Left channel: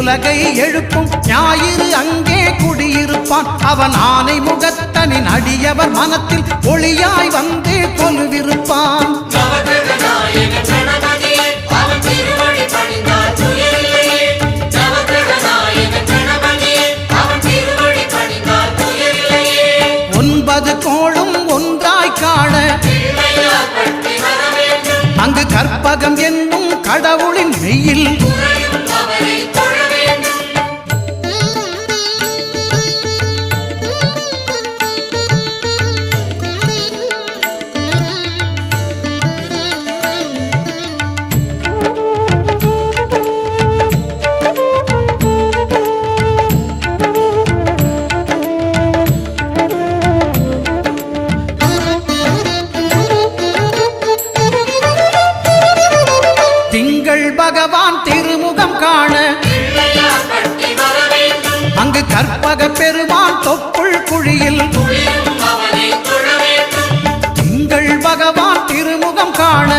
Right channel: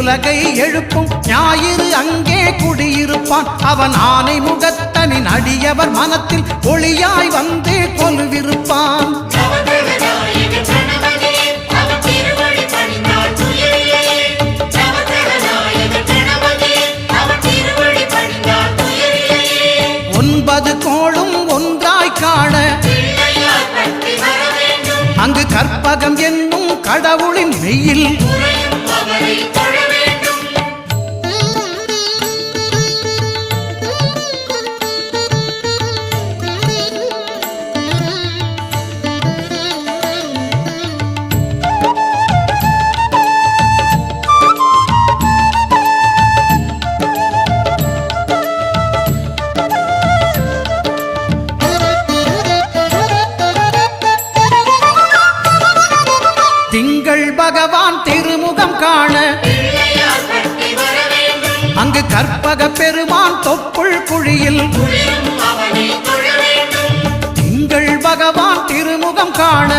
உலகை எழுப்பும் ஞாயிறு அங்கே குடியிருப்பான். அவன் ஆனை முகத்தனின் அடியவர் மனத்தில் ஒளியாய் வந்து கொலுவிருப்பான். ஒன்பது கோளும் ஒன்றாய் காண அங்கு கற்பகம் என்னும் கடவுளின் மெய்யில் திங்கள் பகவான் திருமுகம் காண அங்கு கற்பக பெருமான் தொப்புள் குழியில் திங்கள் பகவான் திருமுகம் காண